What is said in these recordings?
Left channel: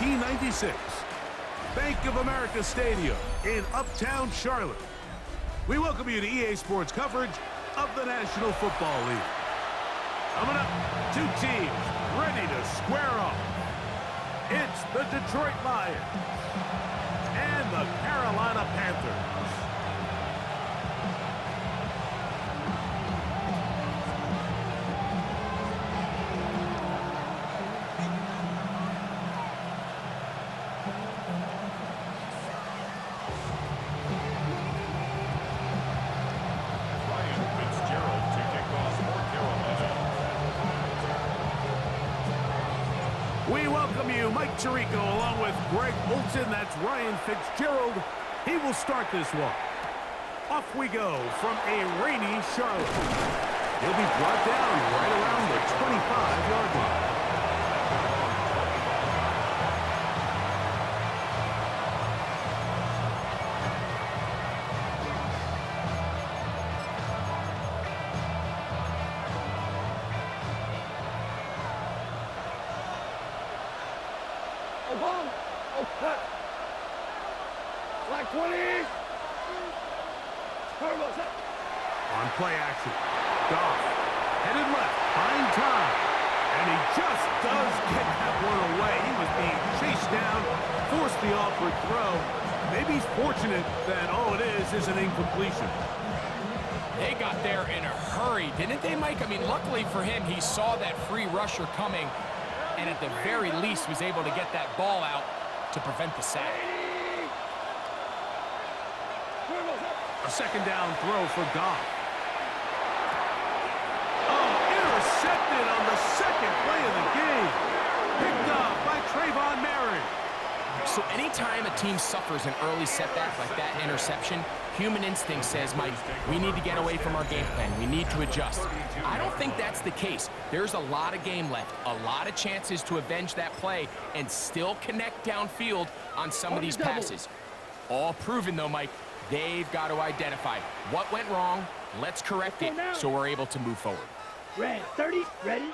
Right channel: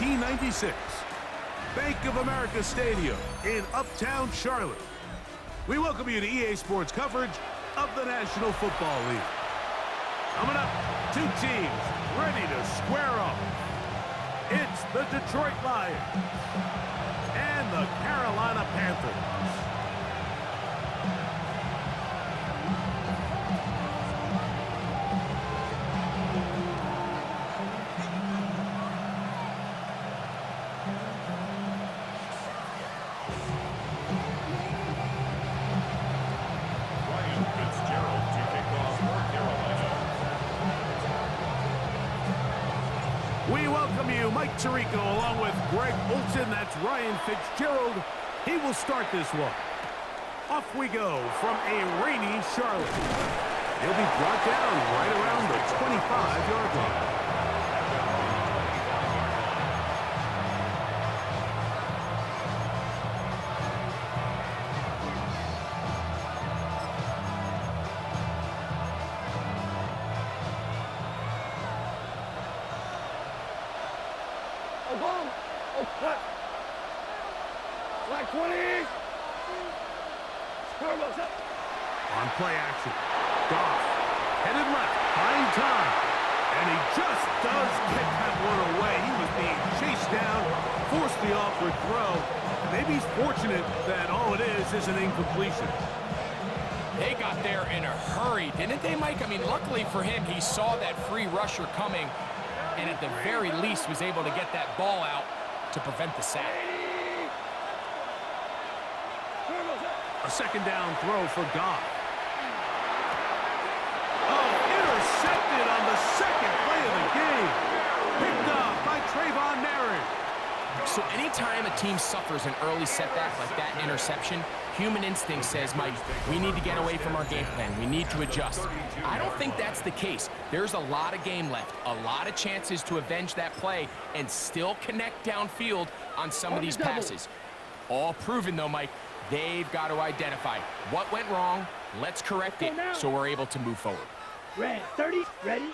1996. Bank of America Stadium in Uptown Charlotte. We welcome you to EA Sports coverage of the National Football League. Coming up, two teams ready to square off. It's the Detroit Lions and the Carolina Panthers. We welcome you, Mike Tirico, along with Greg Olson. That's Ryan Fitzgerald. He will start this one. Off we go from a rainy Charlotte. He'll be brought down right around the 25-yard line. Black 20. On play action. Goff headed left, buying time. And he just does get that one away. He was being chased down, forced the awkward throw. Maybe he's fortunate that all it is an incompletion. They got there in a hurry, didn't they, Mike? I mean, luckily for him, he saw that free rusher coming, and at the very least was able to get that ball out to prevent the sack. A second down throw for Goff. Oh, intercepted on the second play of the game. Picked off by Trayvon Merritt. So anytime a team suffers an early setback like that interception, human instinct says, Mike, we need to get away from our game plan. We need to adjust. I don't think that's the case. There's a lot of game left, a lot of chances to avenge that play and still connect downfield on some of these passes. All proven, though, Mike, they've got to identify what went wrong. Let's correct it so we're able to move forward. Red 30, ready?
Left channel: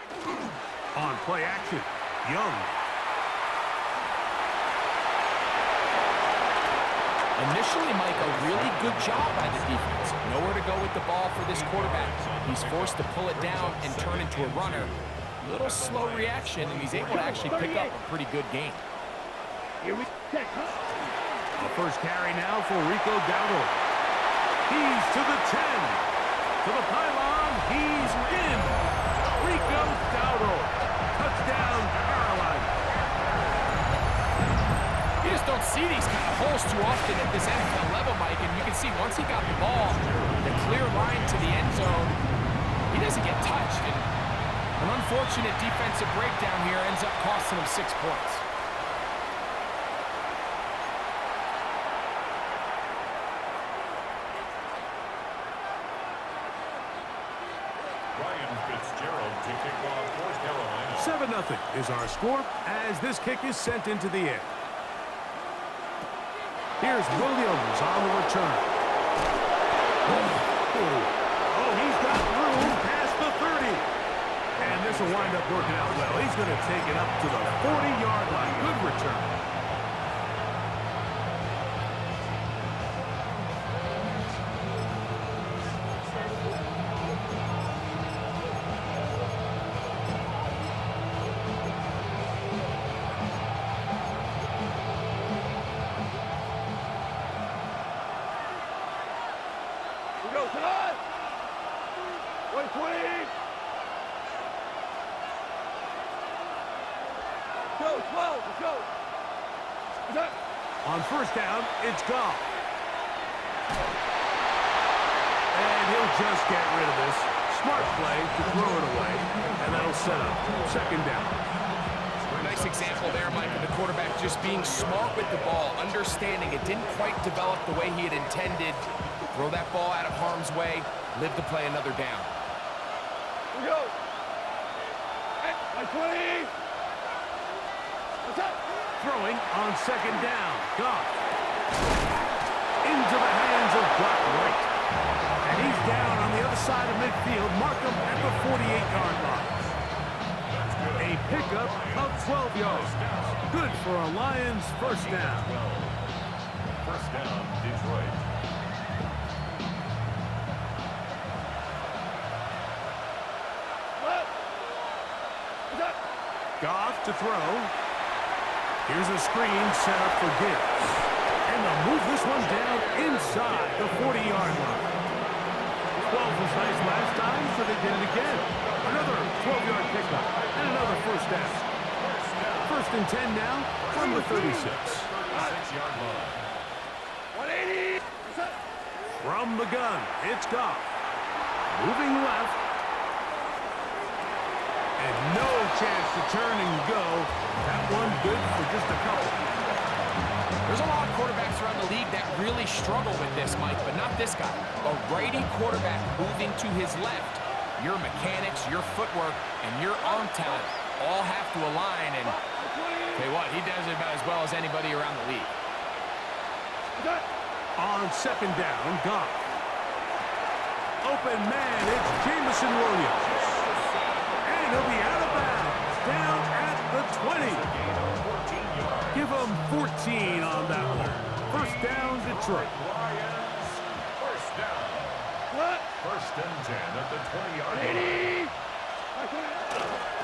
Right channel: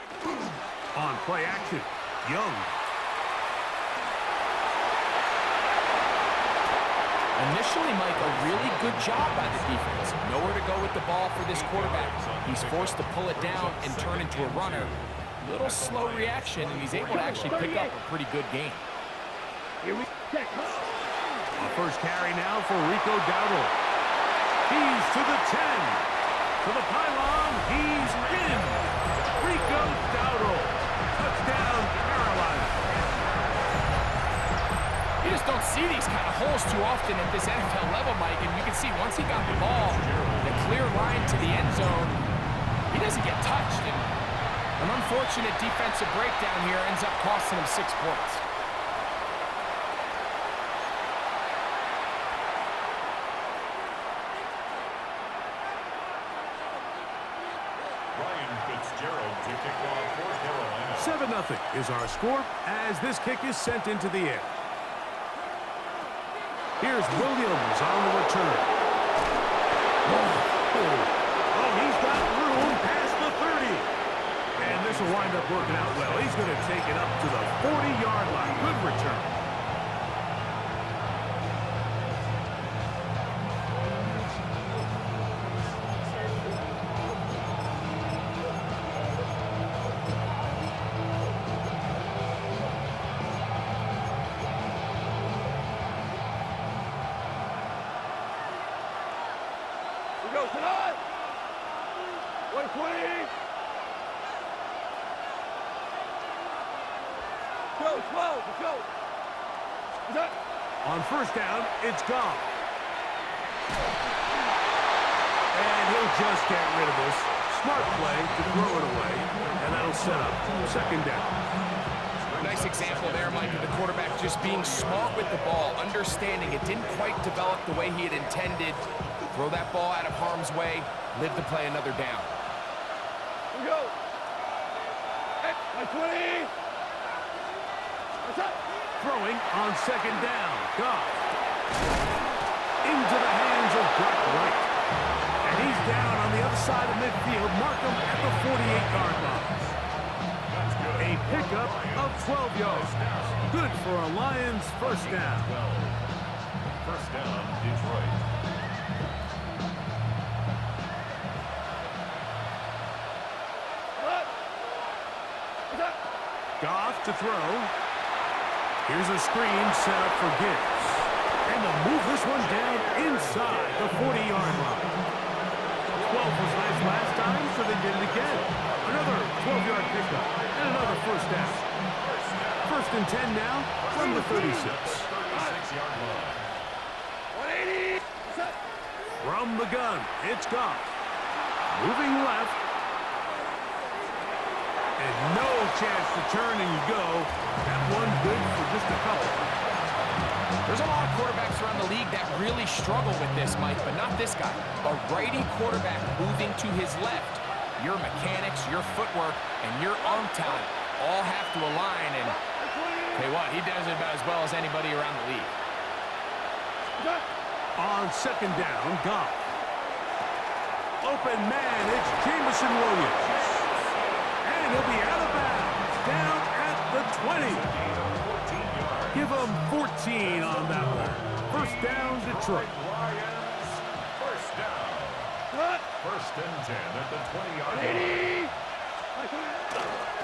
On play action, Young. Initially, Mike, a really good job by the defense. Nowhere to go with the ball for this quarterback. He's forced to pull it down and turn into a runner. Little slow reaction, and he's able to actually pick up a pretty good game. Here we go. A first carry now for Rico Dowdle. He's to the 10. To the pylon. He's in. Rico Dowdle. Touchdown, Carolina. You just don't see these kind of holes too often at this NFL level, Mike, and you can see once he got the ball, the clear line to the end zone, he doesn't get touched, and an unfortunate defensive breakdown here ends up costing him 6 points. Ryan Fitzgerald to kick off for Carolina. 7-0 is our score as this kick is sent into the air. Here's Williams on the return. Oh, he's got room past the 30. And this will wind up working out well. He's going to take it up to the 40-yard line. Good return. Go tonight. 120. Go 12. Let's go. On first down, it's Goff. And he'll just get rid of this. Smart play to throw it away, and that'll set up second down. Nice example there, Mike, of the quarterback just being smart with the ball, understanding it didn't quite develop the way he had intended. Throw that ball out of harm's way, live to play another down. Here we go. Hey, 20. What's up? Throwing on second down. Goff. Into the hands of Brock Wright. And he's down on the other side of midfield. Mark him at the 48-yard line. A pickup of 12 yards. Good for a Lions first down. First down, Detroit. Goff to throw. Here's a screen set up for Gibbs. And they'll move this one down inside the 40-yard line. 12 was nice last time, so they did it again. Another 12-yard pickup and another first down. First and 10 now from the 36. 36-yard line. 180. From the gun, it's Goff. Moving left. And no chance to turn and go. That one good for just a couple. There's a lot of quarterbacks around the league that really struggle with this, Mike, but not this guy. A righty quarterback moving to his left. Your mechanics, your footwork, and your arm talent all have to align. And tell you what, he does it about as well as anybody around the league. On second down, Goff. Open man, it's Jamison Williams. And he'll be out of bounds, down at the 20. Give him 14 on that one. First down, Detroit. Lions, first down. First and 10 at the 20-yard line.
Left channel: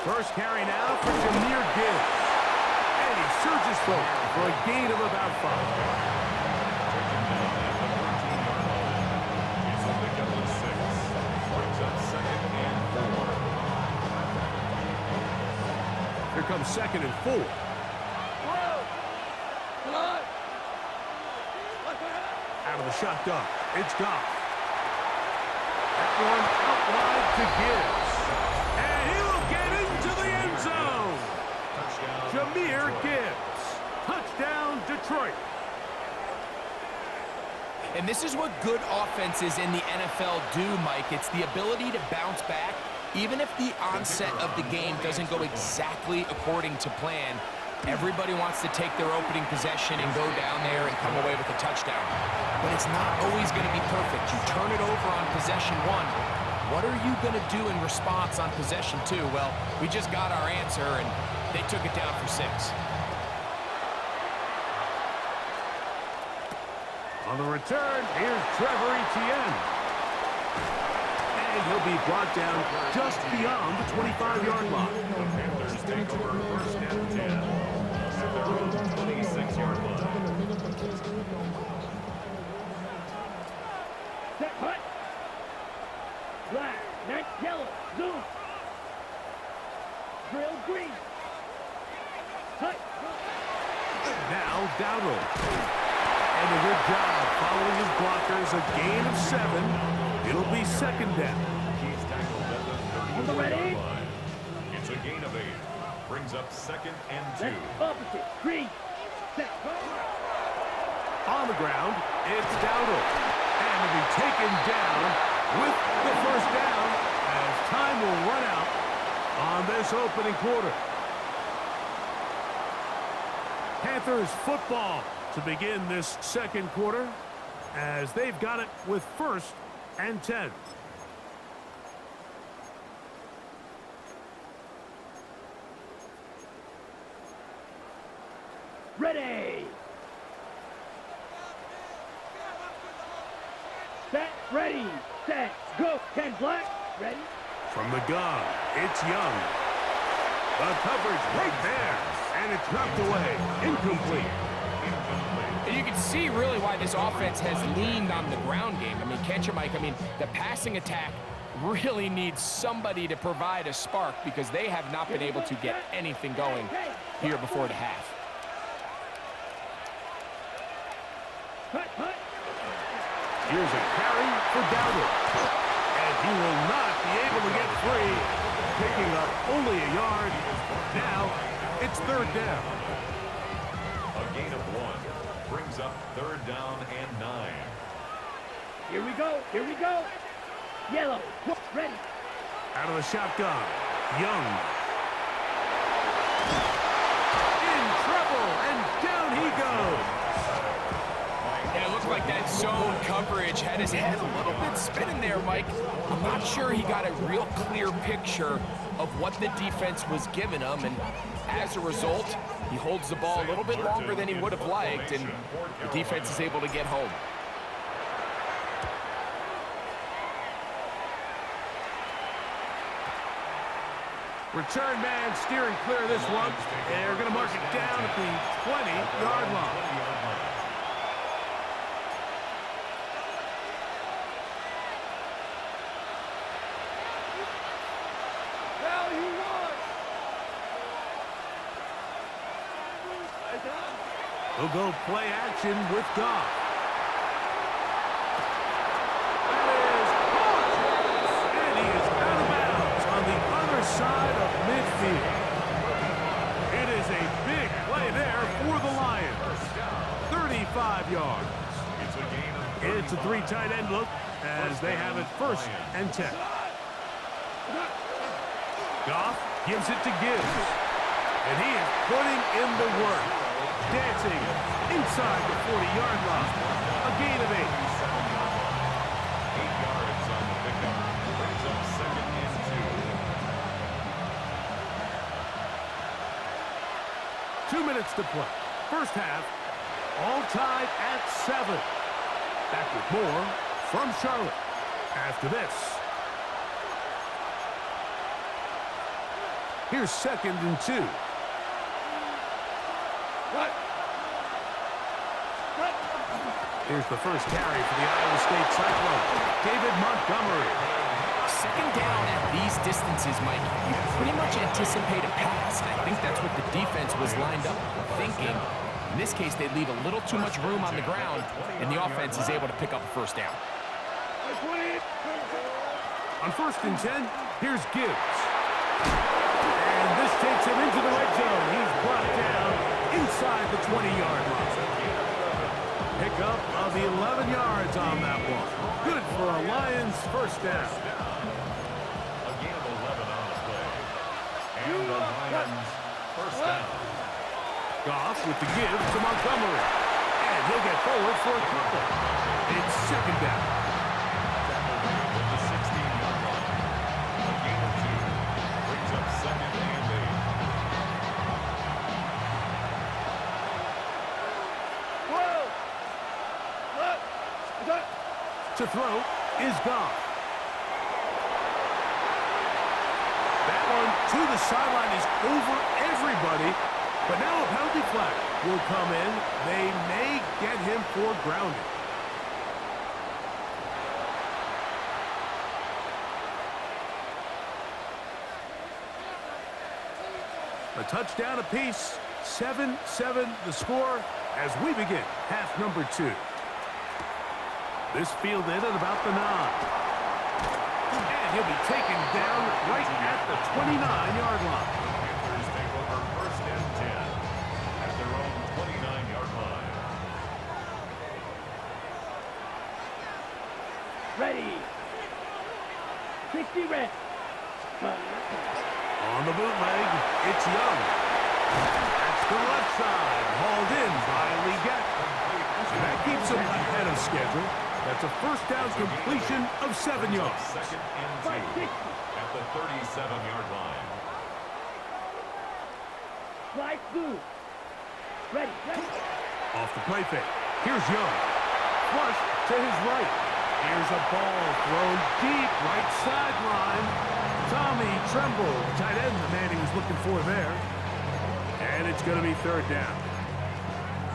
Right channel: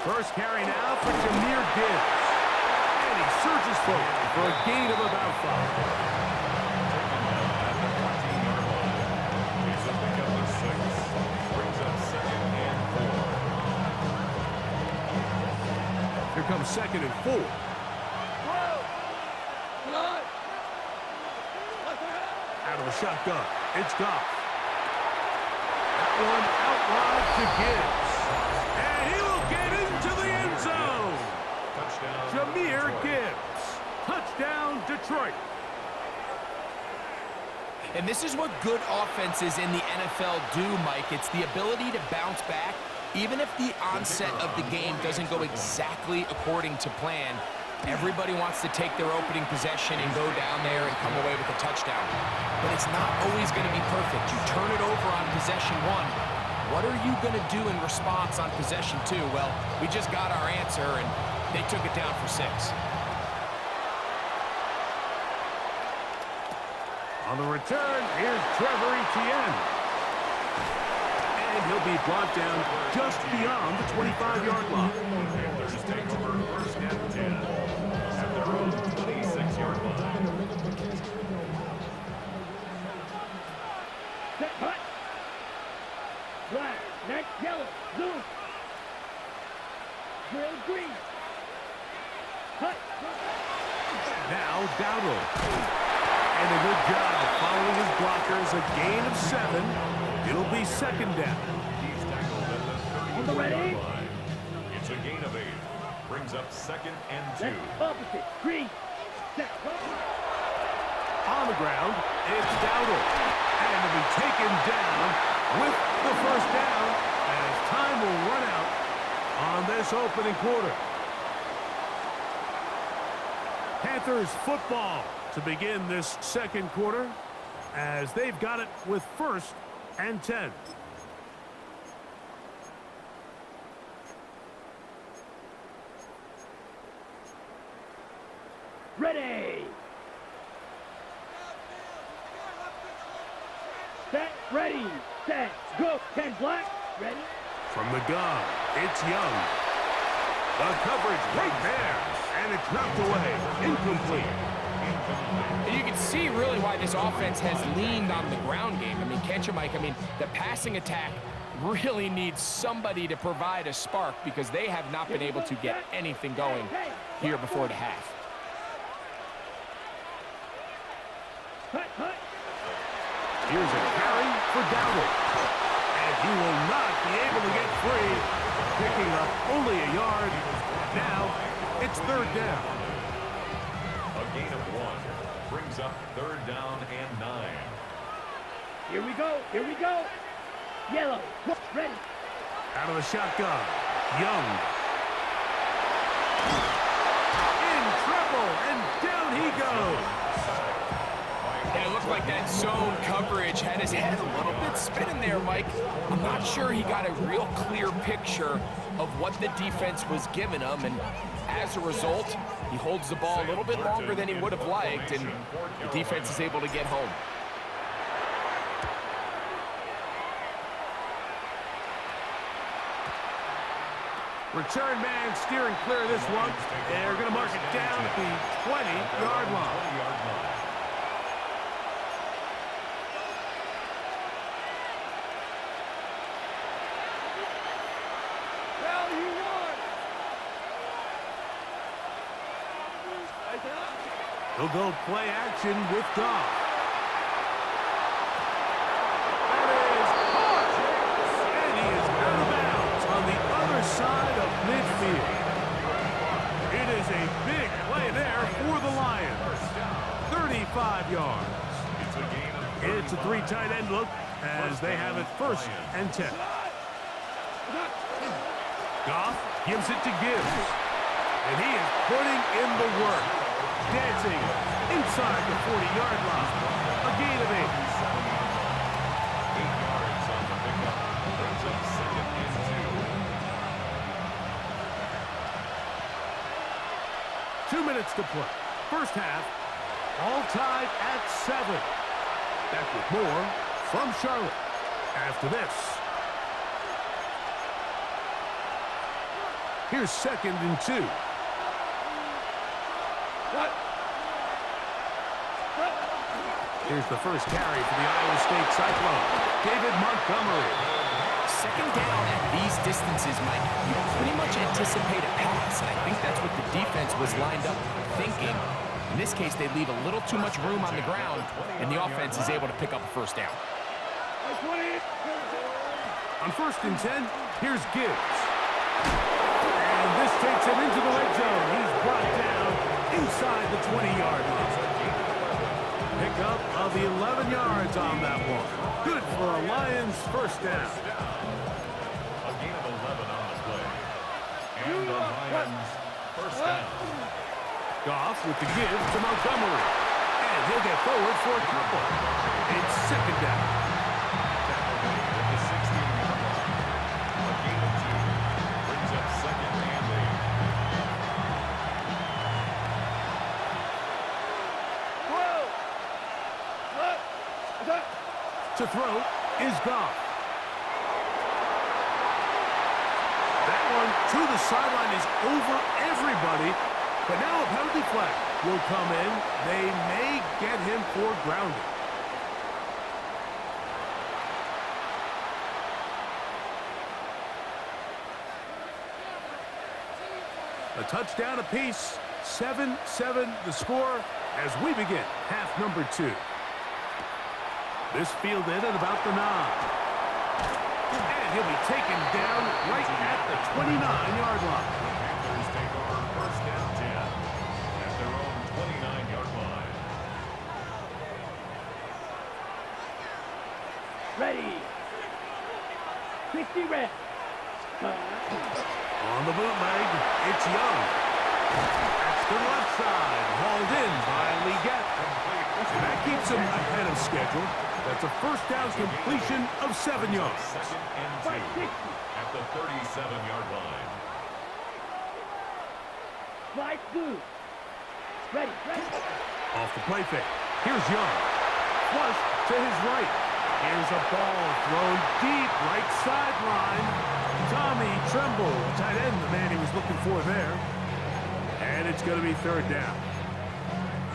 First carry now for Jahmyr Gibbs. And he surges forward for a gain of about 5. Taken down at the 14-yard line. It's a pickup of 6. Brings up second and 4. Here comes second and 4. Out of the shotgun, it's Goff. That one out wide to Gibbs. And he will get into the end zone. Touchdown, Jahmyr Detroit. Gibbs. Touchdown, Detroit. And this is what good offenses in the NFL do, Mike. It's the ability to bounce back, even if the onset of the game doesn't go exactly according to plan. Everybody wants to take their opening possession and go down there and come away with a touchdown. But it's not always going to be perfect. You turn it over on possession 1. What are you going to do in response on possession 2? Well, we just got our answer, and they took it down for 6. On the return, here's Trevor Etienne. And he'll be brought down just beyond the 25-yard line. The Panthers take over first and 10 at their own 26-yard line. Set, hut. Black, next, yellow, zoom. Drill, green. Hut. Now Dowdle. And a good job following his blockers. A gain of 7. It'll be second down. He's tackled at On the the ready? 30-yard line. It's a gain of 8. Brings up second and 2. Left, opposite, green. Set, go. On the ground, it's Dowdle. And to be taken down with the first down as time will run out on this opening quarter. Panthers football to begin this second quarter as they've got it with first and 10. Ready. Set, ready, set, go. 10 black, ready. From the gun, it's Young. The coverage right there, and it's knocked away. Incomplete. And you can see really why this offense has leaned on the ground game. I mean, can't you, Mike? I mean, the passing attack really needs somebody to provide a spark because they have not been able to get anything going here before the half. Hut, hut. Here's a carry for Dowdle. And he will not be able to get free, picking up only a yard. Now, it's third down. A gain of 1. Brings up third down and 9. Here we go, here we go. Yellow, ready. Out of the shotgun, Young. In trouble, and down he goes. And it looked like that zone coverage had his head a little bit spinning there, Mike. I'm not sure he got a real clear picture of what the defense was giving him, and as a result, he holds the ball a little bit longer than he would have liked, and the defense is able to get home. Return man steering clear of this one. They're going to mark it down at the 20-yard line. Well, you won. He'll go play action with Goff. That is caught. And he is out of bounds on the other side of midfield. It is a big play there for the Lions. 35 yards. It's a three tight end look as they have it 1st and 10. Goff gives it to Gibbs. And he is putting in the work. Dancing inside the 40-yard line. A gain of 8. 8 yards on the pickup. Brings up 2nd and 2. 2 minutes to play. First half, all tied at 7. Back with more from Charlotte after this. Here's 2nd and 2. Here's the first carry for the Iowa State Cyclone, David Montgomery. 2nd down at these distances, Mike, you pretty much anticipate a pass, and I think that's what the defense was lined up thinking. In this case, they leave a little too much room on the ground, and the offense is able to pick up a 1st down. On 1st and 10, here's Gibbs. And this takes him into the red zone. He's brought down inside the 20-yard line. Pickup of 11 yards on that one. Good for a Lions 1st down. A gain of 11 on the play. And the Lions 1st down. Goff with the give to Montgomery. And he'll get forward for a couple. It's 2nd down. Tackle made at the 16-yard line. A gain of 2. Brings up 2nd and 8. To throw is Goff. That one to the sideline is over everybody. But now a penalty flag will come in. They may get him for grounding. A touchdown apiece. 7-7 the score as we begin half number 2. This fielded at about the 9. And he'll be taken down right at the 29-yard line. The Panthers take over 1st and 10 at their own 29-yard line. Ready. 60 reps. On the bootleg, it's Young. That's to the left side, hauled in by Leggett. And that keeps him ahead of schedule. That's a 1st down completion of 7 yards. 2nd and 2 at the 37-yard line. Slide good. Ready. Off the play fake. Here's Young. Flush to his right. Here's a ball thrown deep right sideline. Tommy Tremble, the tight end, the man he was looking for there. And it's going to be 3rd down.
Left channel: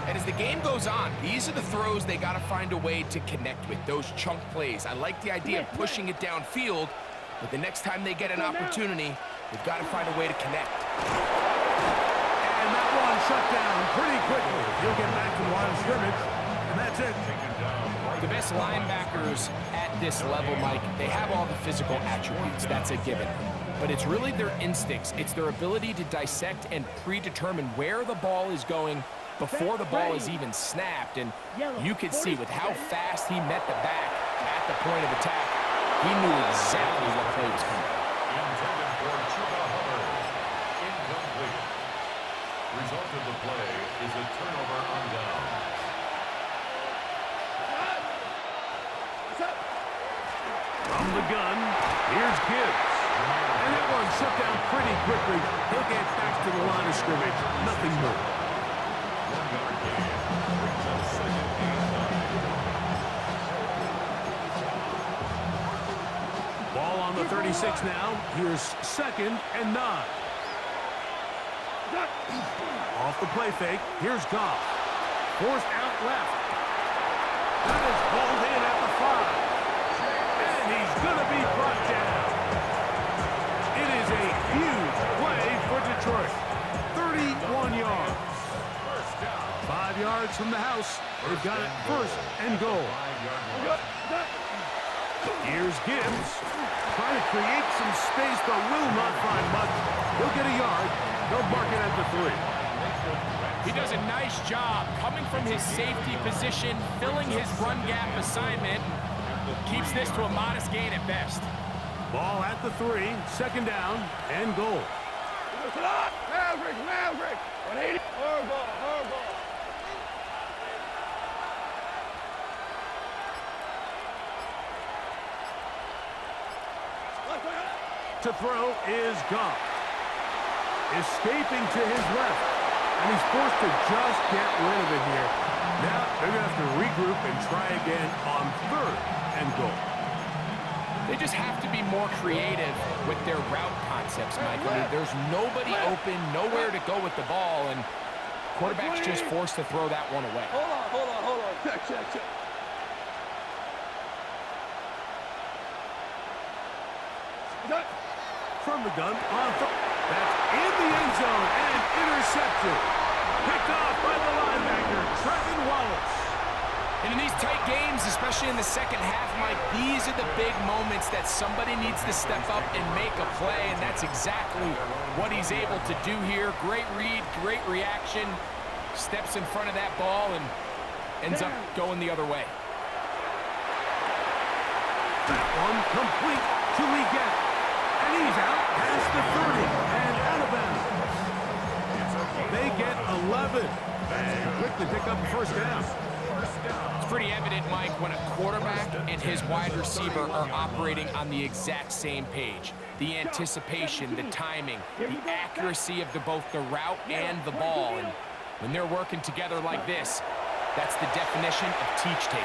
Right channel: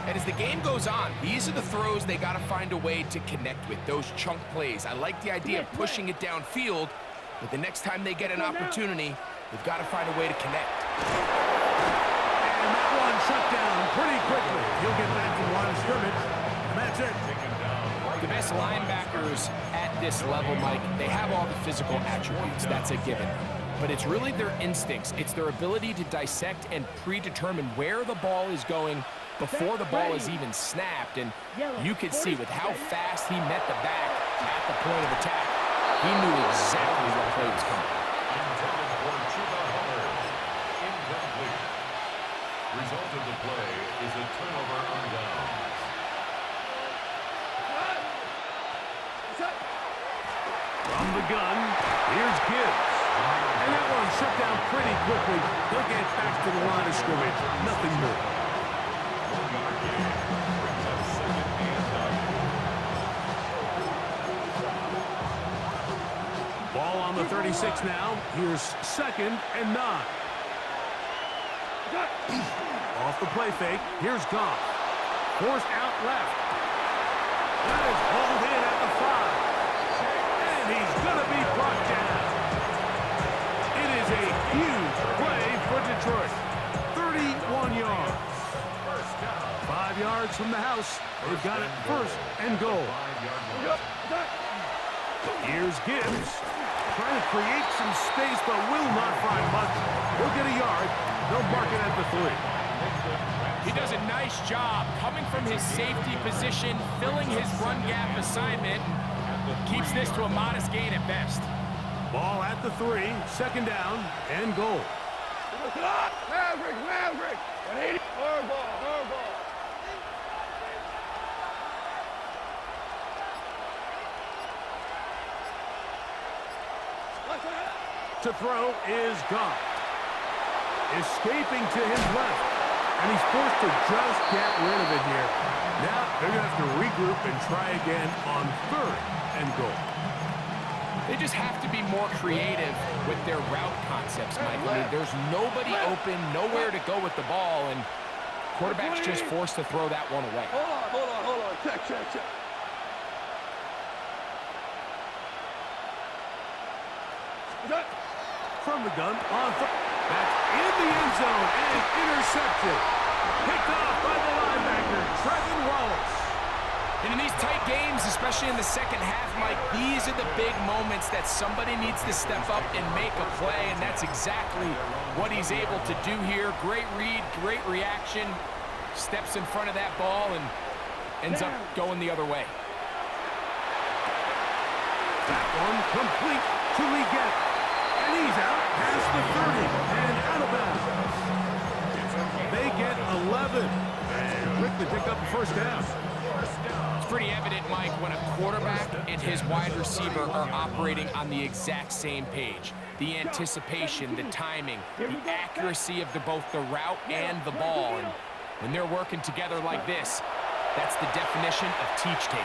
And as the game goes on, these are the throws they got to find a way to connect with, those chunk plays. I like the idea of pushing it downfield, but the next time they get an opportunity, they've got to find a way to connect. And that one shut down pretty quickly. He'll get back to the line of scrimmage, and that's it. The best linebackers at this level, Mike, they have all the physical attributes. That's a given. But it's really their instincts. It's their ability to dissect and predetermine where the ball is going before the ball is even snapped. And you could see with how fast he met the back at the point of attack, he knew exactly what play was coming. Intended for Chuba Hubbard. Incomplete. Result of the play is a turnover on downs. From the gun, here's Gibbs. And that one shut down pretty quickly. He'll get back to the line of scrimmage. Nothing more. 1 yard gain. Brings up second and 9. Ball on the 36 now. Here's second and 9. Off the play fake. Here's Goff. Forced out left. That is hauled in at the 5. And he's going to be brought down. It is a huge play for Detroit. 31 yards. 5 yards from the house. They've got it first and goal. Here's Gibbs. Trying to create some space, but will not find much. He'll get a yard. They'll mark it at the 3. He does a nice job coming from his safety position, filling his run gap assignment, and keeps this to a modest gain at best. Ball at the 3, second down, and goal. Maverick! 180. Hard ball. To throw is Goff. Escaping to his left. And he's forced to just get rid of it here. Now they're going to have to regroup and try again on 3rd and goal. They just have to be more creative with their route concepts, Mike. I mean, there's nobody open, nowhere to go with the ball, and quarterback's just forced to throw that one away. Hold on. Check. From the gun on that's in the end zone and intercepted. Picked off by the linebacker, Trevin Wallace. And in these tight games, especially in the second half, Mike, these are the big moments that somebody needs to step up and make a play, and that's exactly what he's able to do here. Great read, great reaction, steps in front of that ball and ends up going the other way. That one complete to Leggett. And he's out past the 30 and out of bounds. They get 11 and quickly pick up a first down. It's pretty evident, Mike, when a quarterback and his wide receiver are operating on the exact same page. The anticipation, the timing, the accuracy of both the route and the ball. And when they're working together like this, that's the definition of teach tape.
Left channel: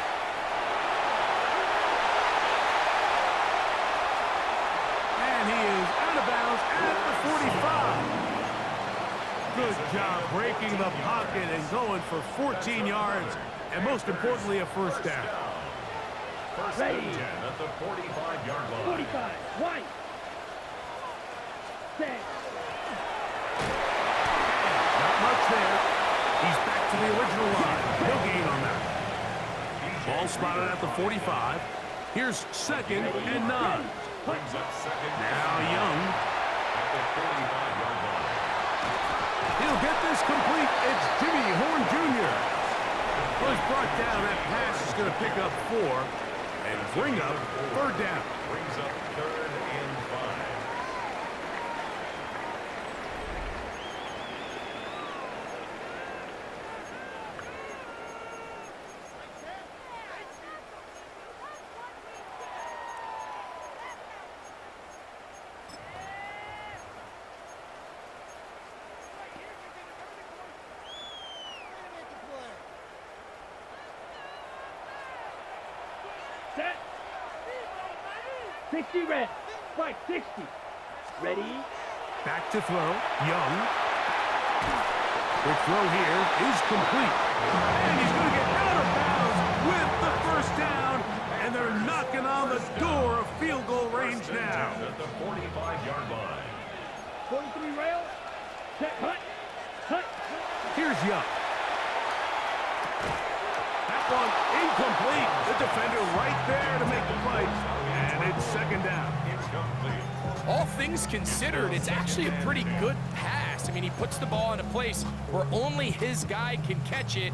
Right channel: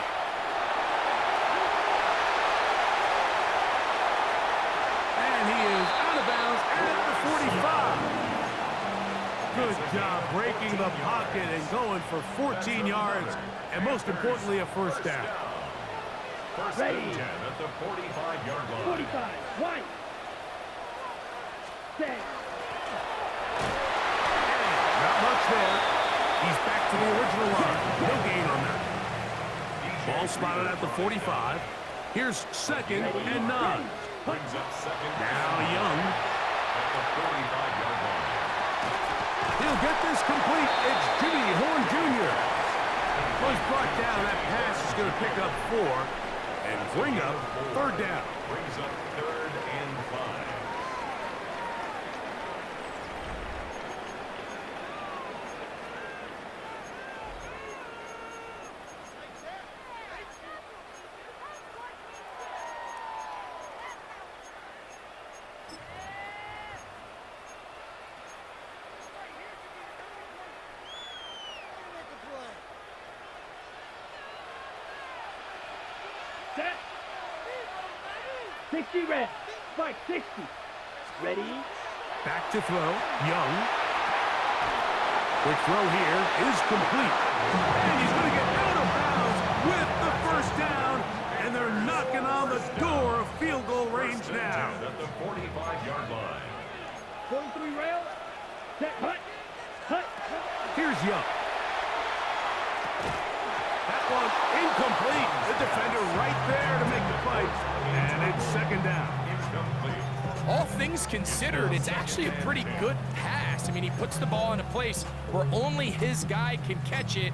And he is out of bounds at the 45. Good job breaking the pocket and going for 14 yards. And most importantly, a first down. First and 10 at the 45-yard line. 45. White. Set. And not much there. He's back to the original line. No gain on that. Ball spotted at the 45. Here's second and 9. Brings up second. Now Young. At the 45-yard line. He'll get this complete. It's Jimmy Horn Jr. Was brought down. That pass is going to pick up 4 and bring up 3rd down. Brings up 3rd and 5. Set. 60 red. Fight 60. Ready? Back to throw. Young. Quick throw here is complete. And he's going to get out of bounds with the first down. And they're knocking on the door of field goal range now. At the 45-yard line. 43 rail. Set. Hut. Here's Young. That one incomplete. The defender right there to make the play. And it's second down. Incomplete. All things considered, it's actually a pretty good pass. I mean, he puts the ball in a place where only his guy can catch it.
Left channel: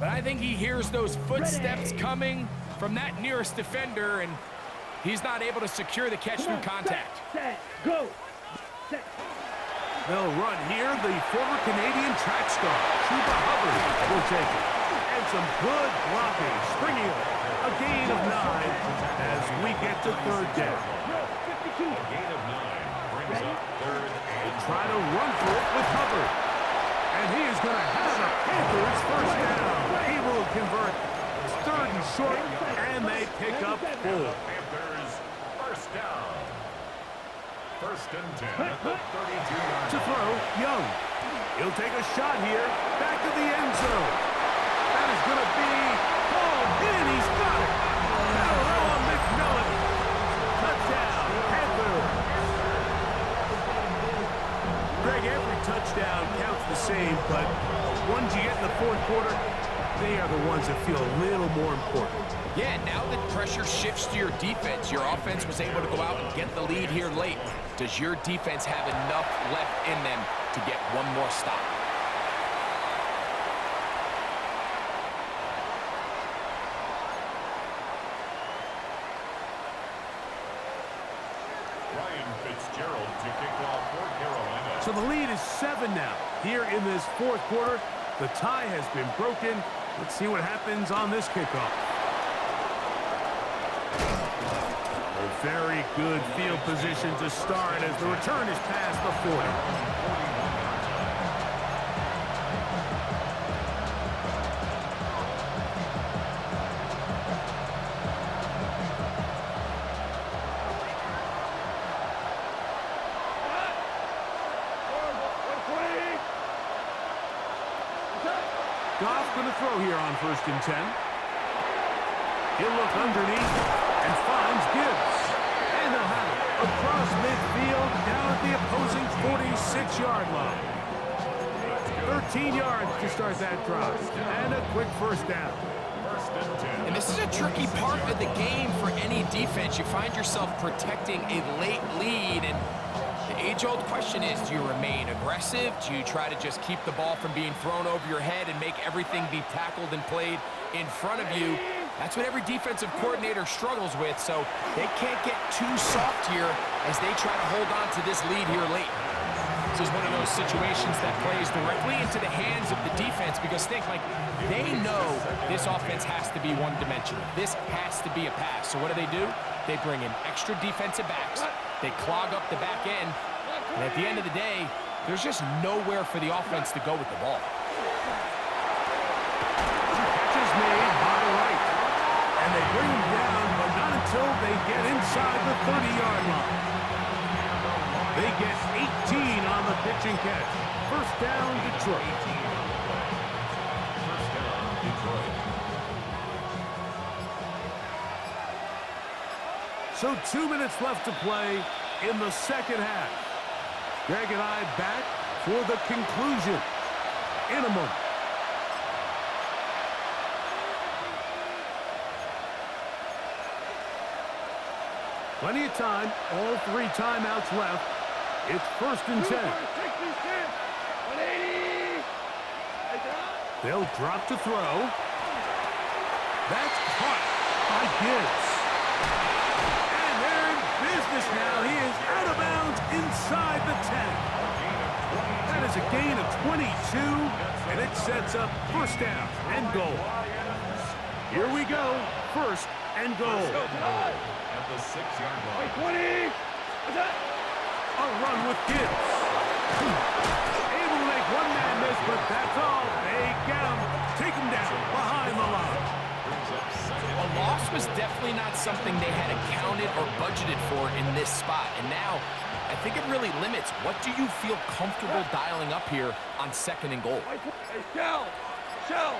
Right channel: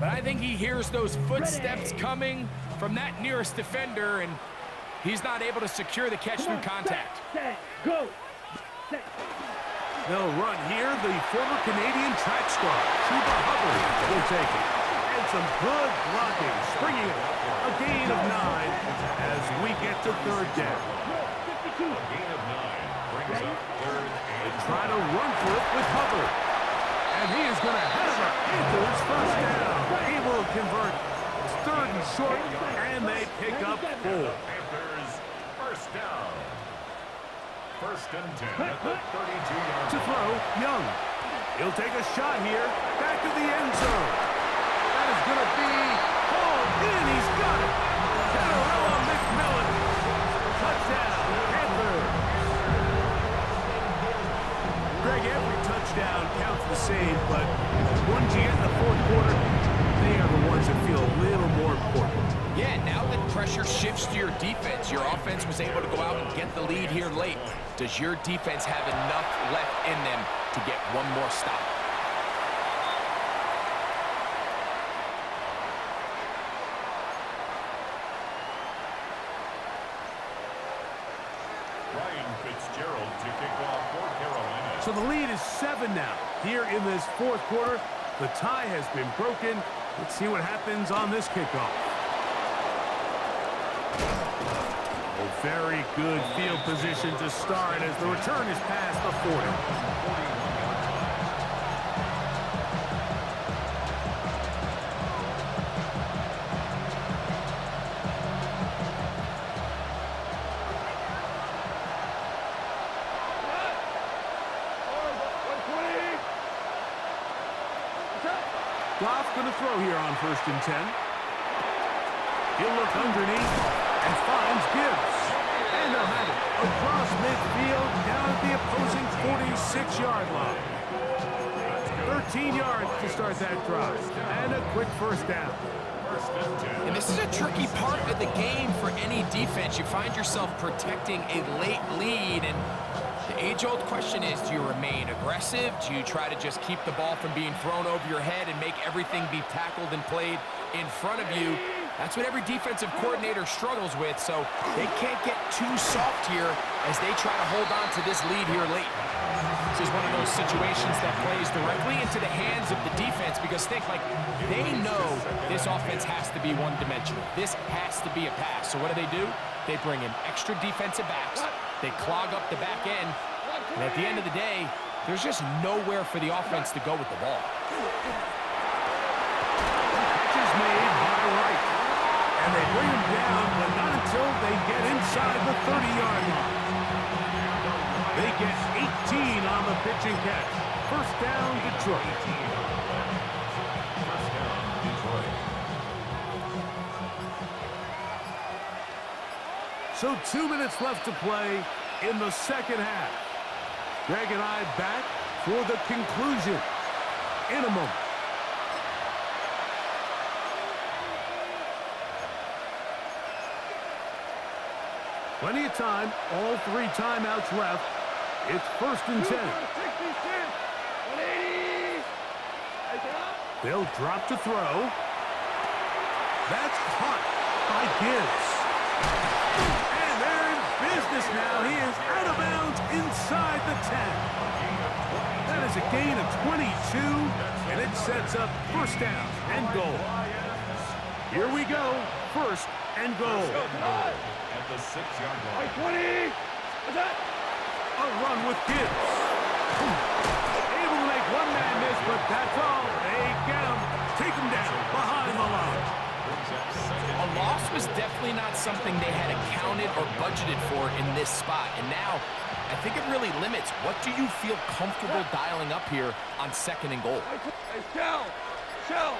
But I think he hears those footsteps coming from that nearest defender, and he's not able to secure the catch through contact. Set. Go. Set. They'll run here. The former Canadian track star, Chuba Hubbard, will take it. And some good blocking, springing a gain of 9 as we get to third down. A gain of 9 brings up third and Try to run for it with Hubbard. And he is going to have a Panthers first down. Able to convert. It's third and short, and they pick up 4. Panthers first down. First and 10 at the 32-yard To throw, Young. He'll take a shot here. Back of the end zone. That is going to be hauled in. He's got it. Canarella McMillan. Touchdown, Panthers. Greg, every touchdown counts the same, but the ones you get in the fourth quarter, they are the ones that feel a little more important. Yeah, now that pressure shifts to your defense, your offense was able to go out and get the lead here late. Does your defense have enough left in them to get one more stop? Ryan Fitzgerald to kick off for Carolina. So the lead is 7 now. Here in this fourth quarter, the tie has been broken. Let's see what happens on this kickoff. Oh, very good field position to start as the return is past the 40. 41-yard line. Goff going to throw here on first and 10. He'll look underneath and finds Gibbs. And they'll have it across midfield down at the opposing 46-yard line. 13 yards to start that drive. And a quick first down. First and 10. And this is a tricky part of the game for any defense. You find yourself protecting a late lead, and the age-old question is, do you remain aggressive? Do you try to just keep the ball from being thrown over your head and make everything be tackled and played in front of you? That's what every defensive coordinator struggles with, so they can't get too soft here as they try to hold on to this lead here late. This is one of those situations that plays directly into the hands of the defense because think, like, they know this offense has to be one-dimensional. This has to be a pass. So what do? They bring in extra defensive backs. They clog up the back end. And at the end of the day, there's just nowhere for the offense to go with the ball. Catch is made by Wright. And they bring him down, but not until they get inside the 30-yard line. They get 18 on the pitch and catch. First down, Detroit. First down, Detroit. So 2 minutes left to play in the second half. Greg and I back for the conclusion in a moment. Plenty of time, all 3 timeouts left. It's first and 10. They'll drop to throw. That's caught by Gibbs. And they're in business now. He is out of bounds inside the 10. That is a gain of 22, and it sets up first down and goal. Here we go, first and goal. At the 6-yard line. 20! What's that? A run with Gibbs. Able to make one man miss, but that's all. They get him. Take him down behind the line. A loss was definitely not something they had accounted or budgeted for in this spot. And now, I think it really limits what do you feel comfortable dialing up here on second and goal. Hey, Shell! Shell!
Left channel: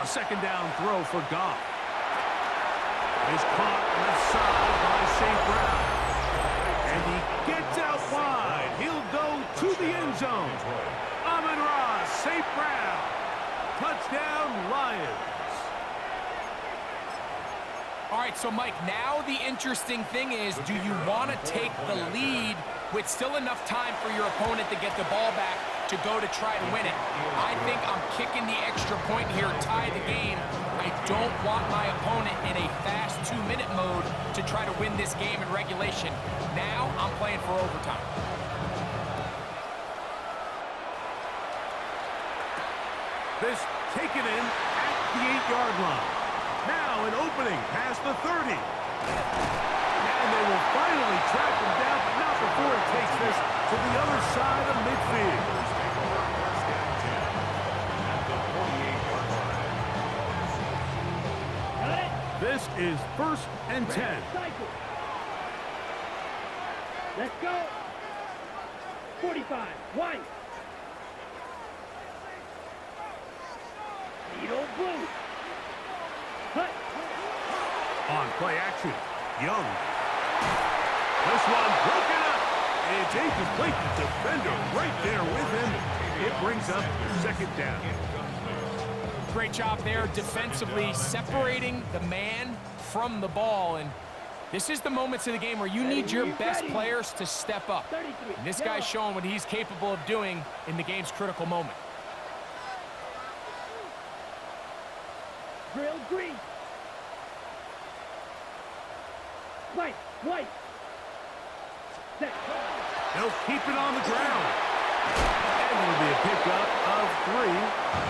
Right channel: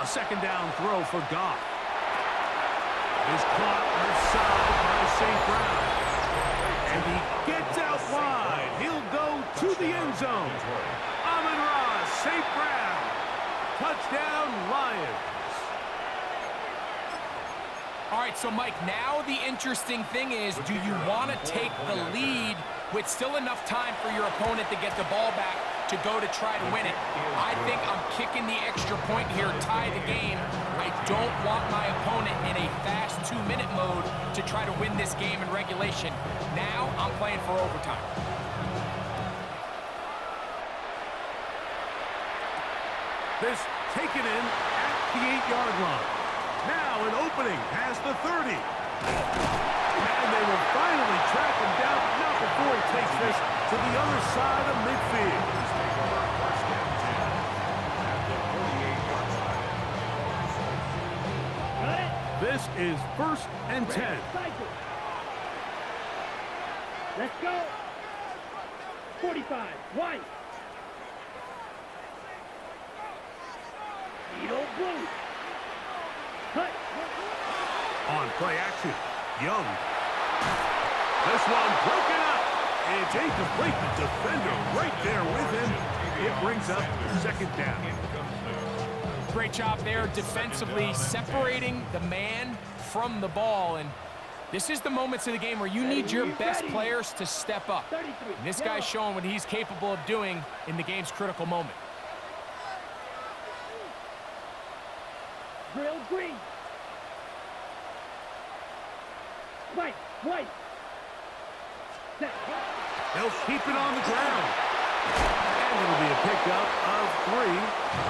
A second down throw for Goff. Is caught left side by St. Brown. And he gets out wide. He'll go to the end zone. Amon-Ra, St. Brown. Touchdown, Lions. All right, so Mike, now the interesting thing is, do you want to take the lead with still enough time for your opponent to get the ball back to go to try to win it? I think I'm kicking the extra point here, tie the game. I don't want my opponent in a fast 2-minute mode to try to win this game in regulation. Now I'm playing for overtime. This taken in at the 8-yard line. Now an opening past the 30. And they will finally track him down, but not before he takes this to the other side of midfield. Take over first and 10 at the 48-yard line. Got it. This is first and 10. Cycle. Let's go. 45. White. Needle blue. Hut. On play action, Young. This one broken up. It's incomplete. The defender right there with him. It brings up second down. Great job there defensively, separating the man from the ball. And this is the moments of the game where you need your best players to step up. And this guy's showing what he's capable of doing in the game's critical moment. Drill green. White. White. Set. They'll keep it on the ground. And it'll be a pickup of 3.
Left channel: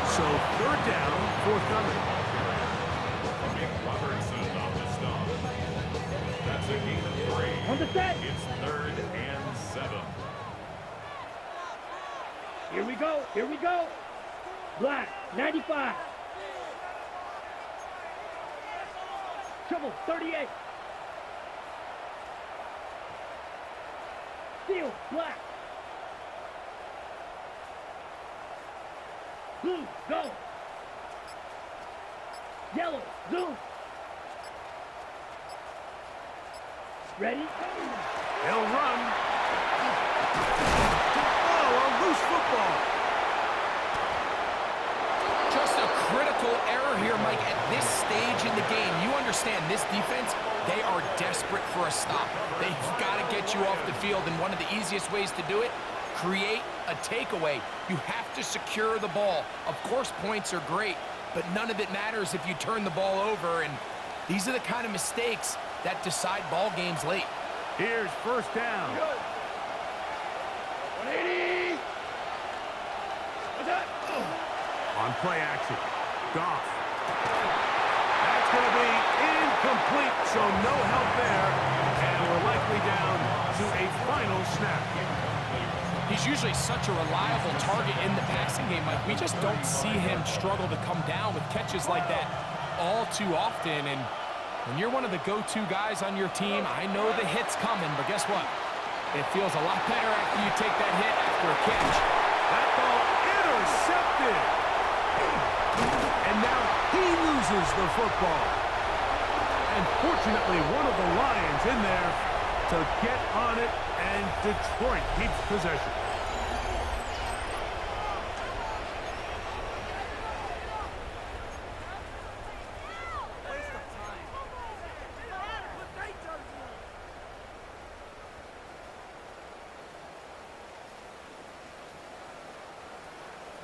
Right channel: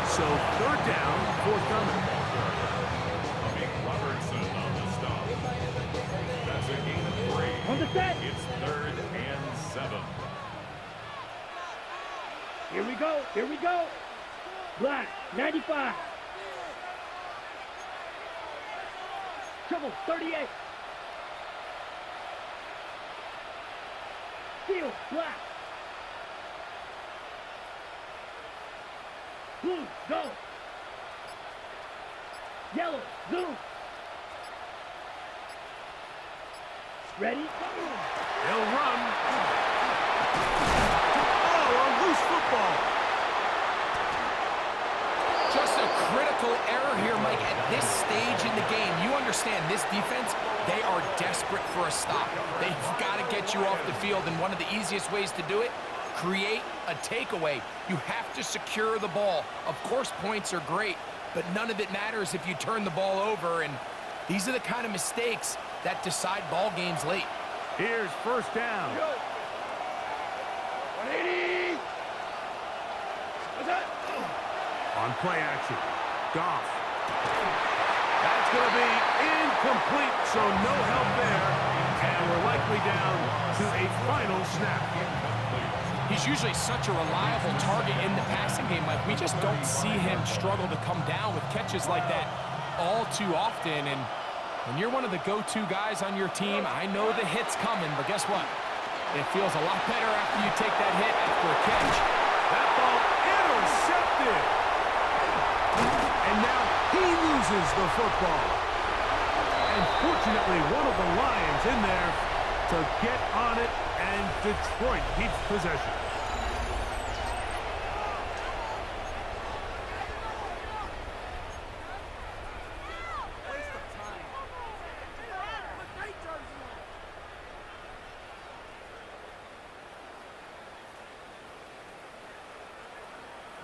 So third down, forthcoming. Ball carrier. Big Robertson on the stop. That's a gain of 3. On the set. It's third and 7. Here we go. Here we go. Black. 95. Trouble. 38. Steel. Black. Blue. Go. Yellow. Zoom. Ready? Go. They'll run. Oh, a loose football. Just a critical error here, Mike, at this stage in the game. You understand this defense, they are desperate for a stop. They've got to get you off the field, and one of the easiest ways to do it, create a takeaway. You have to secure the ball. Of course, points are great, but none of it matters if you turn the ball over, and these are the kind of mistakes that decide ball games late. Here's first down. 180. What's that? On play action, Goff. That's going to be incomplete, so no help there. And we're likely down to a final snap. He's usually such a reliable target in the passing game, Mike. We just don't see him struggle to come down with catches like that all too often. And when you're one of the go-to guys on your team, I know the hit's coming, but guess what? It feels a lot better after you take that hit after a catch. That ball intercepted. And now he loses the football. And fortunately, one of the Lions in there to get on it, and Detroit keeps possession.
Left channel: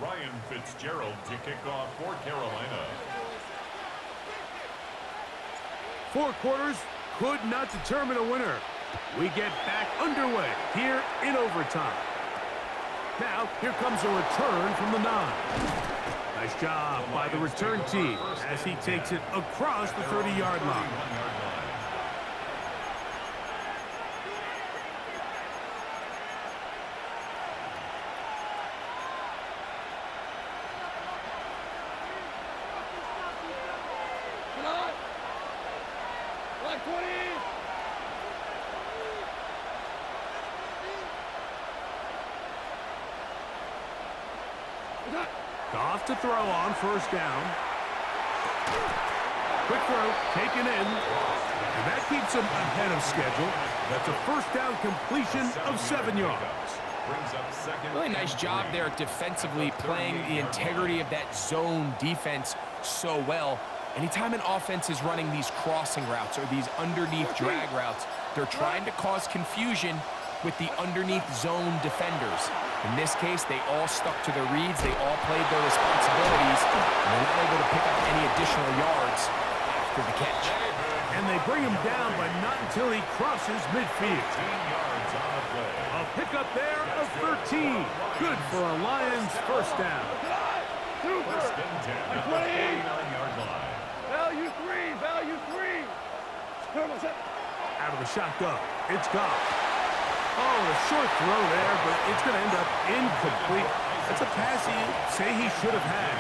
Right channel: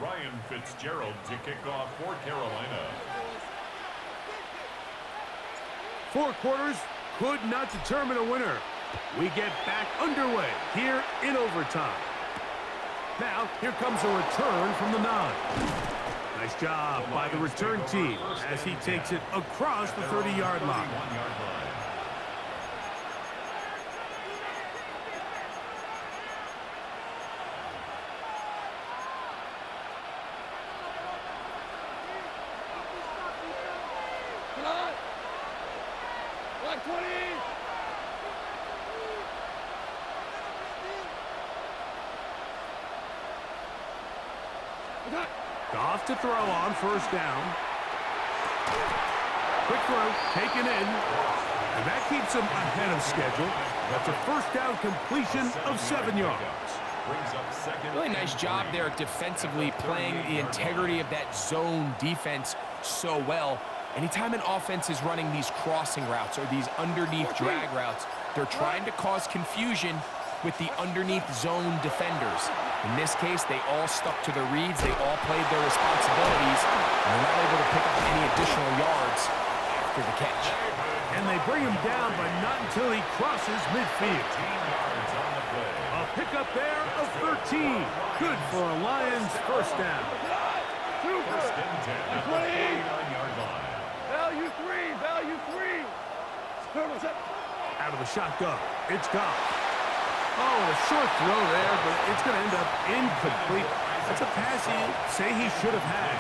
Ryan Fitzgerald to kick off for Carolina. 4 quarters could not determine a winner. We get back underway here in overtime. Now, here comes a return from the 9. Nice job by the return team as he takes it across the 30-yard line. Black 20. Goff to throw on first down. Quick throw, taken in. And that keeps him ahead of schedule. That's a first down completion of 7 yards. Really nice job there defensively, playing the integrity of that zone defense so well. Anytime an offense is running these crossing routes or these underneath drag routes, they're trying to cause confusion with the underneath zone defenders. In this case, they all stuck to their reads, they all played their responsibilities, and they're not able to pick up any additional yards after the catch. And they bring him down, but not until he crosses midfield. 18 yards on the play. A pickup there of 13. Good for a Lions first down. First and 10 at the 49-yard line. Value three. Turbo set. Out of the shotgun. It's Goff. Oh, a short throw there, but it's going to end up incomplete. That's a pass you say he should have had.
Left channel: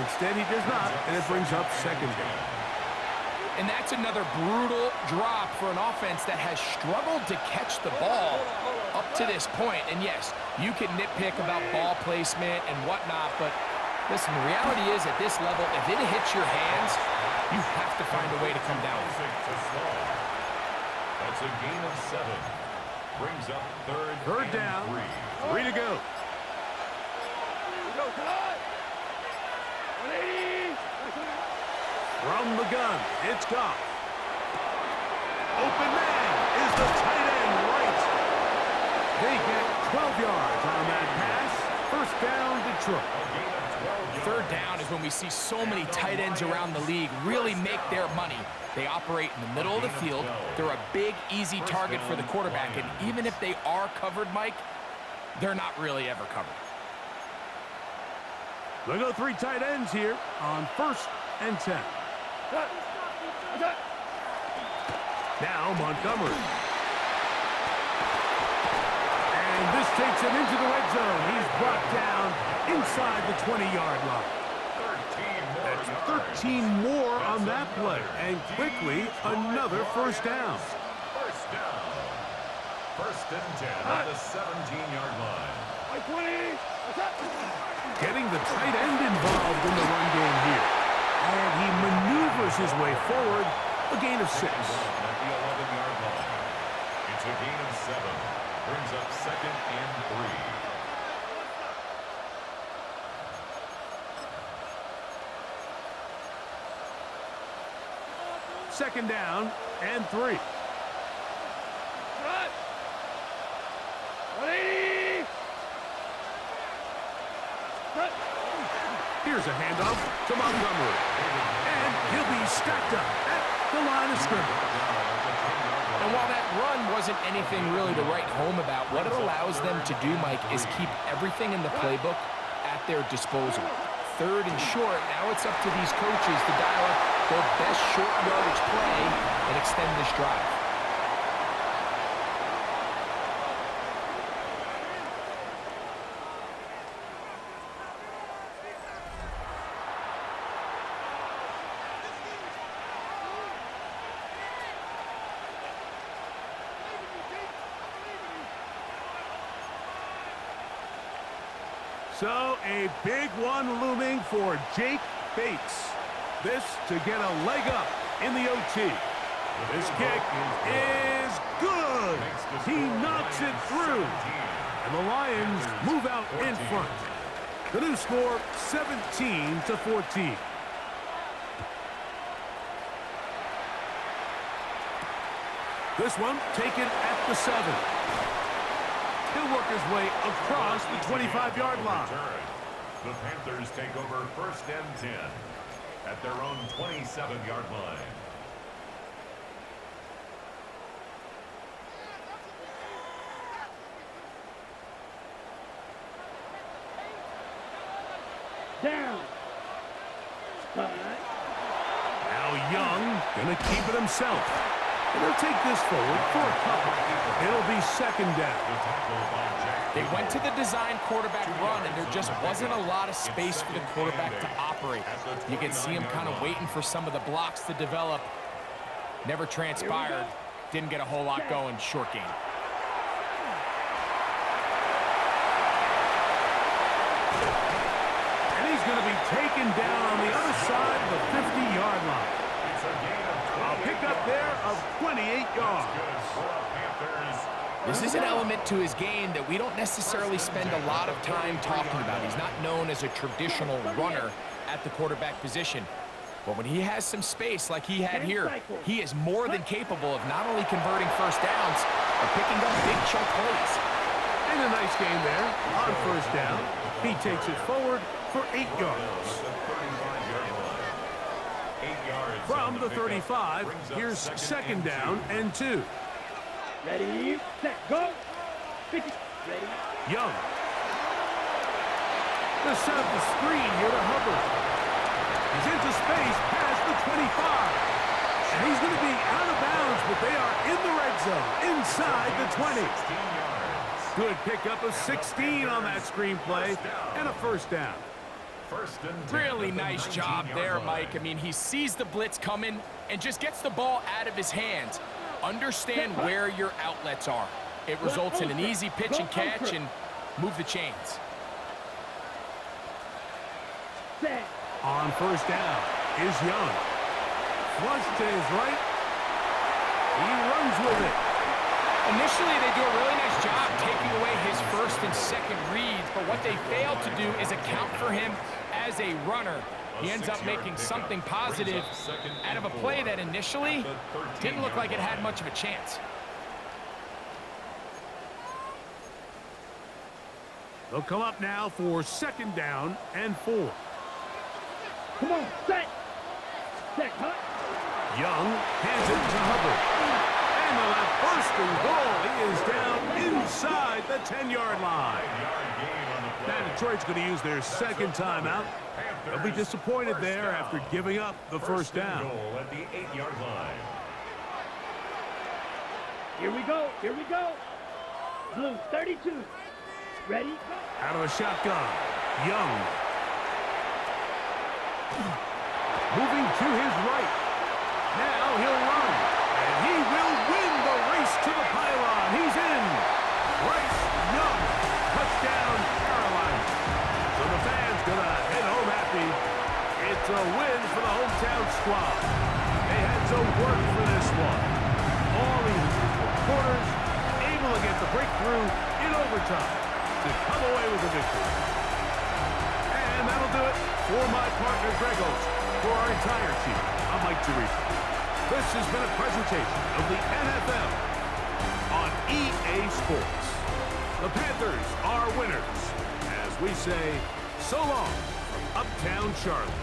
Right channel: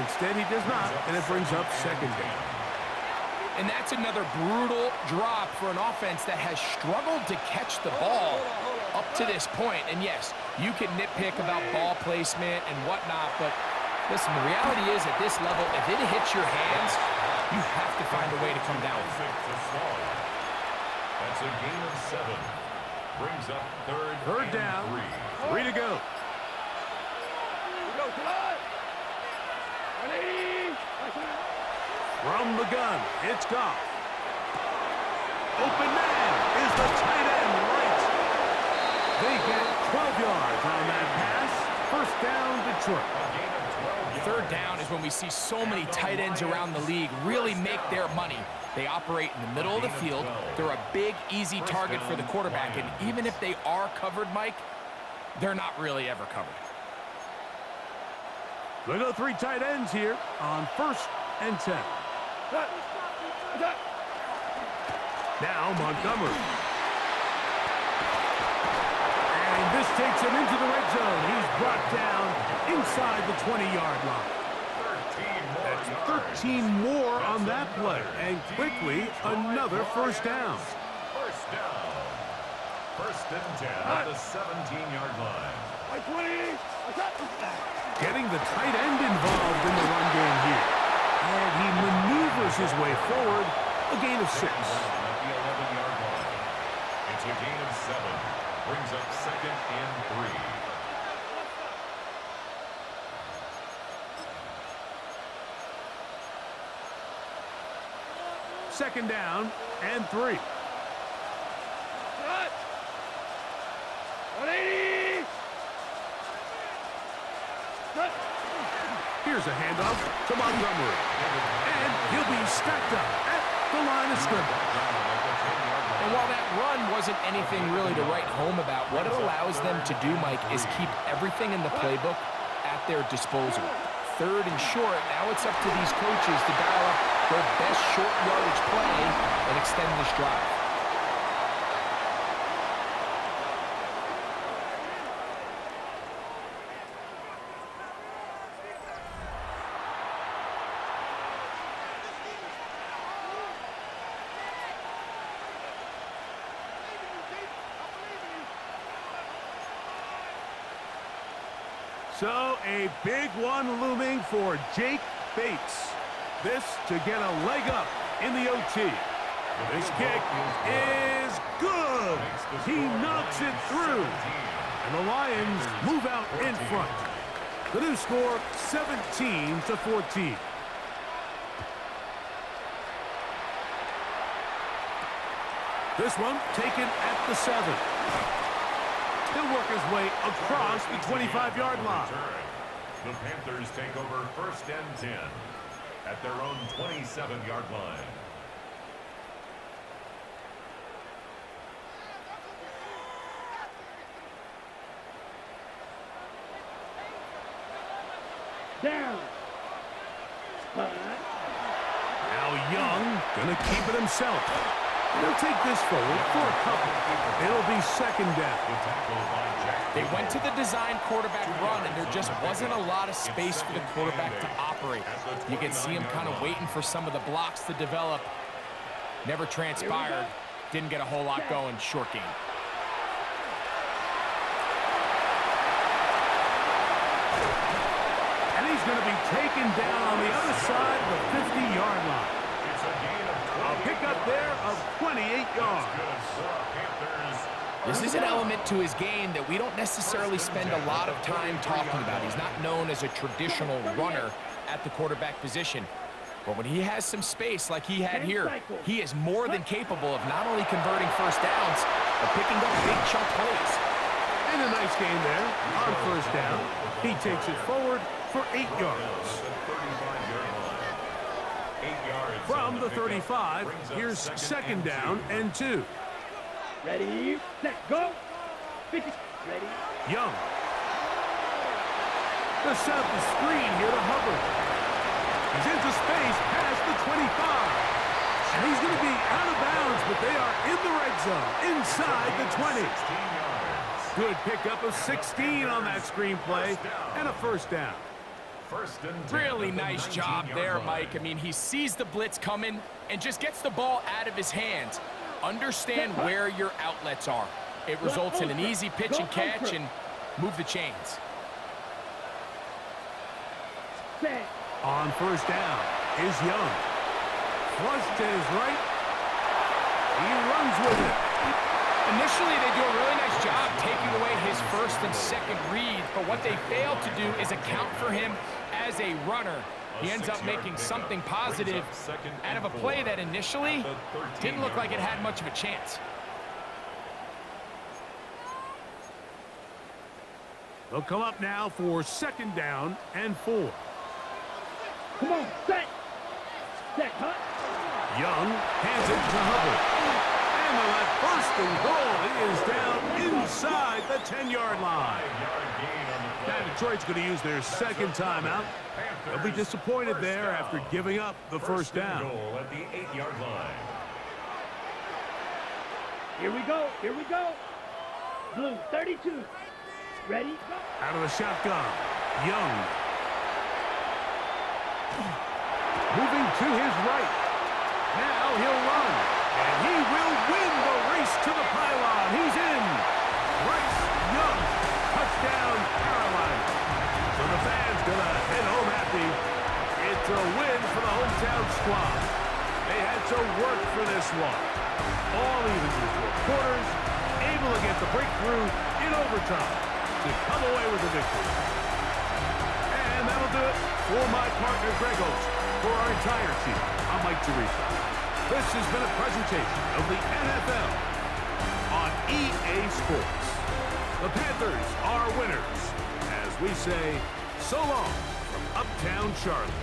Instead, he does not, and it brings up second down. And that's another brutal drop for an offense that has struggled to catch the ball up to this point. And yes, you can nitpick about ball placement and whatnot, but listen, the reality is at this level, if it hits your hands, you have to find a way to come down. That's a gain of 7. Brings up third down. 3 to go. We go tonight. 180. From the gun, it's Goff. Open man is the tight end right. They get 12 yards on that pass. First down, Detroit. Third down is when we see so many tight ends around the league really make their money. They operate in the middle of the field. They're a big, easy target for the quarterback. And even if they are covered, Mike, they're not really ever covered. They go 3 tight ends here on first and 10. Now Montgomery. And this takes him into the red zone. He's brought down inside the 20-yard line. That's 13 more on that play. And quickly, another first down. First and 10 at the 17-yard line. 20. Getting the tight end involved in the run game here. And he maneuvers his way forward, a gain of 6. At the 11-yard line. It's a gain of 7. Brings up second and 3. Second down and 3. 180. Here's a handoff to Montgomery. And he'll be stacked up at the line of scrimmage. And while that run wasn't anything really to write home about, what it allows them to do, Mike, is keep everything in the playbook at their disposal. Third and short, now it's up to these coaches to dial up their best short yardage play and extend this drive. So a big one looming for Jake Bates. This to get a leg up in the OT. This kick is good. He knocks it through. And the Lions move out in front. The new score, 17-14. This one taken at the 7. He'll work his way across the 25-yard line. The Panthers take over first and 10 at their own 27-yard line. Down. Now Young gonna keep it himself. And he'll take this forward for a couple. It'll be second down. They went to the design quarterback run, and there just wasn't a lot of space for the quarterback to operate. You can see him kind of waiting for some of the blocks to develop. Never transpired. Didn't get a whole lot going. Short game. And he's going to be taken down on the other side of the 50-yard line. A pickup there of 28 yards. This is an element to his game that we don't necessarily spend a lot of time talking about. He's not known as a traditional runner at the quarterback position. But when he has some space like he had here, he is more than capable of not only converting first downs, but picking up big chunk plays. And a nice game there on first down. He takes it forward for 8 yards. From the 35, here's second down and 2. Ready, set, go. 50. Ready. Young. To set up the screen here to Hubbard. He's into space past the 25. And he's going to be out of bounds, but they are in the red zone, inside the 20. 16 yards. Good pickup of 16 on that screenplay, and a first down. First and 10 Really at the nice job 19-yard there, line. Mike. I mean, he sees the blitz coming and just gets the ball out of his hands. Understand where your outlets are. It results in an easy pitch and catch and move the chains. Set. On first down is Young. Flush to his right. He runs with it. Initially, they do a really nice job taking away his first and second reads, but what they fail to do is account for him as a runner. He ends up making something positive out of a play that initially didn't look like it had much of a chance. They'll come up now for second down and 4. Come on, set. Set, cut. Young hands it to Hubbard. And they'll have first and goal. He is down inside the 10-yard line. 5-yard gain on the play. Now Detroit's going to use their second timeout. They'll be disappointed there after giving up the first down. Goal at the 8-yard line. Here we go. Here we go. Blue, 32. Ready? Go. Out of the shotgun, Young. Moving to his right. Now he'll run. And he will win the race to the pylon. He's in. Bryce Young. Touchdown, Carolina. So the fans gonna head home happy. It's a win for the hometown squad. They had to work for this one. All even through 4 quarters, able to get the breakthrough in overtime to come away with the victory. And that'll do it for my partner, Greg Olson. For our entire team, I'm Mike Tirico. This has been a presentation of the NFL on EA Sports. The Panthers are winners, as we say so long from Uptown Charlotte.